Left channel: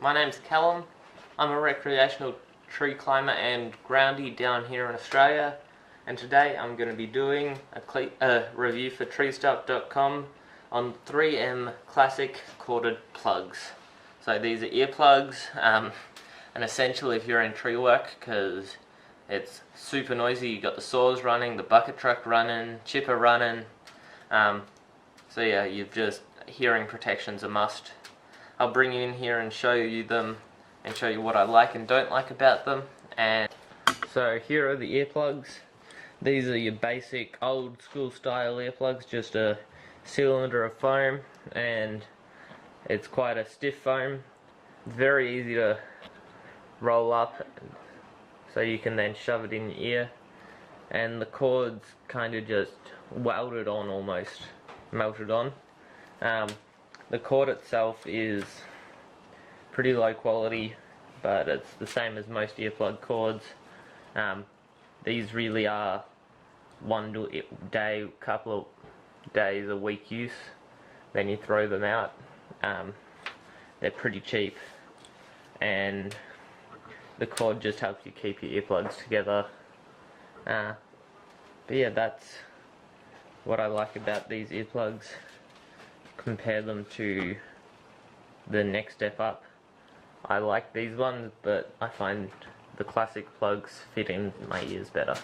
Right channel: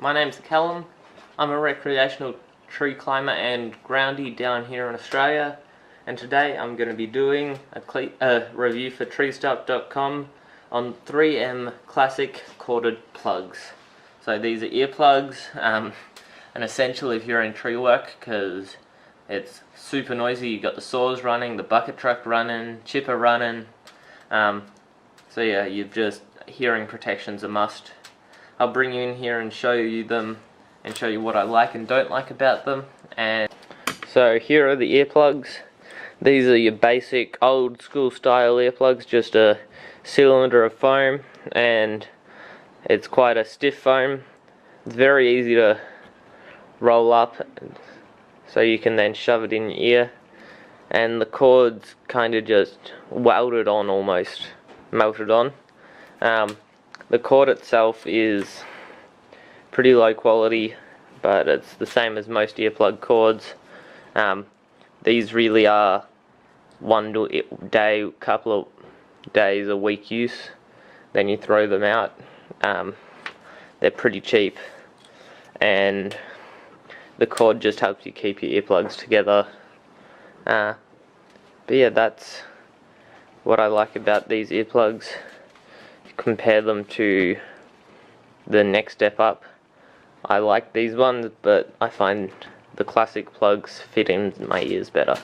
my name's Callum. I'm a recreational tree climber and groundy down here in Australia, and today I'm going to be doing a review for TreeStuff.com on 3M classic corded plugs. So these are earplugs, and essential if you're in tree work because it's super noisy. You got the saws running, the bucket truck running, chipper running. So yeah, you've just hearing protection's a must. I'll bring you in here and show you them and show you what I like and don't like about them. And so here are the earplugs. These are your basic old school style earplugs, just a cylinder of foam, and it's quite a stiff foam. It's very easy to roll up, so you can then shove it in your ear, and the cord's kind of just welded on, almost melted on. The cord itself is pretty low quality, but it's the same as most earplug cords. These really are couple of days a week use, then you throw them out. They're pretty cheap, and the cord just helps you keep your earplugs together. But yeah, that's what I like about these earplugs. Compare them to the next step up. I like these ones, but I find the classic plugs fit in my ears better.